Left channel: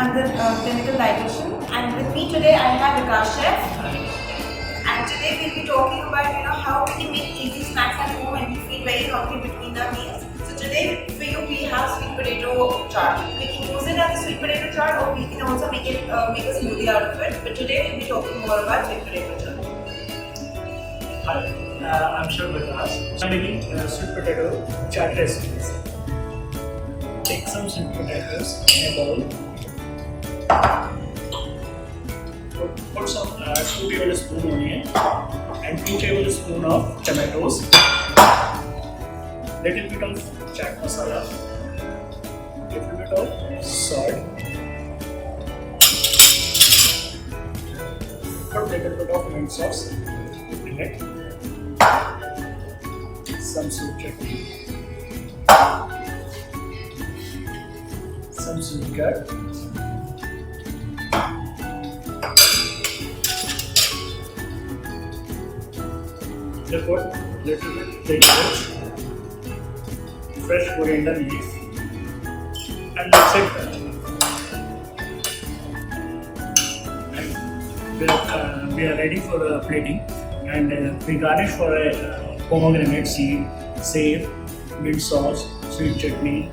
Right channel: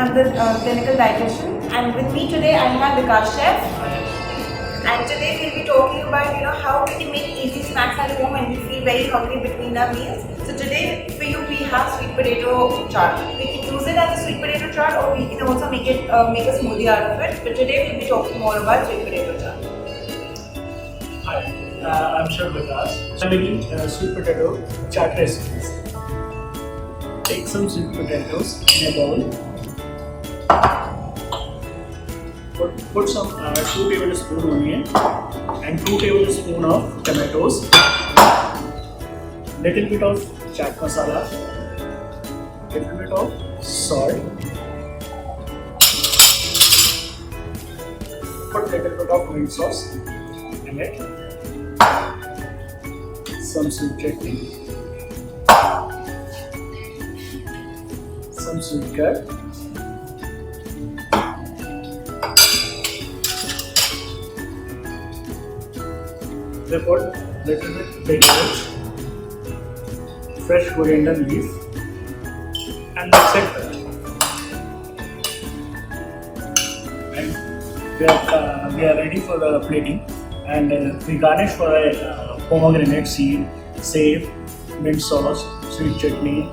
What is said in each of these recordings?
I'm the clinical dietitian, and with me today I have Vikas Chef. And today we'll be talking about how we can make easy snacks at home when we feel very hungry between our meals. So today for you we have sweet potato chaat. We can use it as a sweet potato chaat, or we can also make a smoothie out of it. But today we'll be talking more about sweet potato chaat. Hi, I'm Chef Vikas. I'm making sweet potato chaat recipes. Take some sweet potatoes in a bowl. Put some 2 tablespoons onion and 2 tablespoons of tomatoes. Little bit of chaat masala. Little bit of salt. Put little bit of mint sauce in it. Some sweet chutney. Some sweet curd. They put little bit vegetables, fresh coriander leaf, and mix it well. And we are ready for the plating, and we garnish for a pomegranate seed, save, mint sauce, sweet chutney,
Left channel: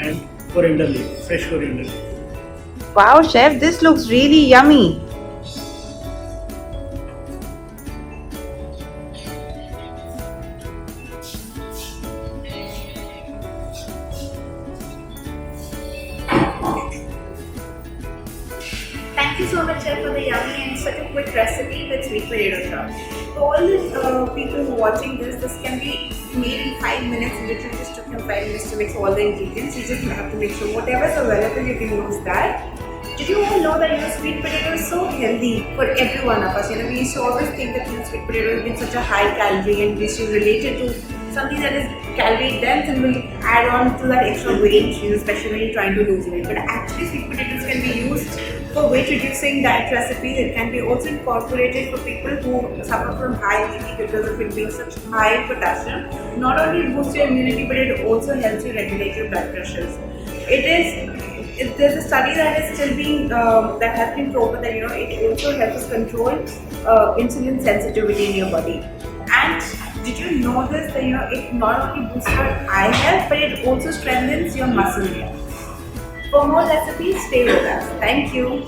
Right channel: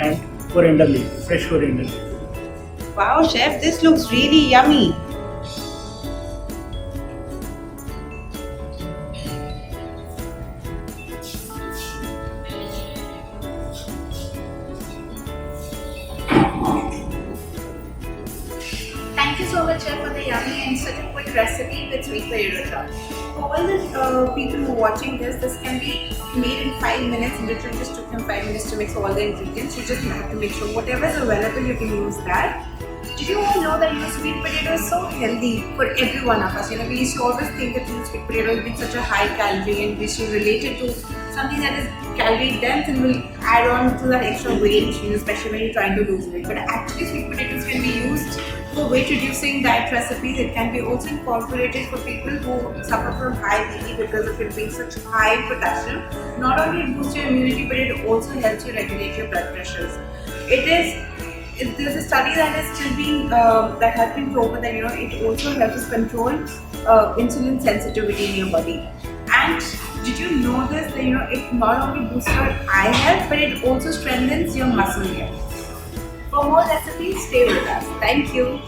and coriander leaf, fresh coriander leaf. Wow, chef, this looks really yummy. Thank you so much, Chef, for the yummy and such a quick recipe with sweet potato chaat. For all the people who are watching this can be made in 5 minutes. Literally just took him 5 minutes to mix all the ingredients. You just have to make sure whatever is available, you can use that. Did you all know that sweet potato is so healthy for every one of us? We used to always think that sweet potato has been such a high calorie, and we should relate it to something that is calorie dense and will add on to that extra weight, especially when you're trying to lose weight. But actually, sweet potatoes can be used for weight reducing diet recipes. It can be also incorporated for people who suffer from high BP because of it being such high in potassium. Not only it boosts your immunity, but it also helps you regulate your blood pressures. There's a study that is still being that has been proven that it also helps us control insulin sensitivity in your body. And did you know this, that it not only boosts your eye health, but it also strengthens your muscle health. For more recipes, stay with us. Thank you.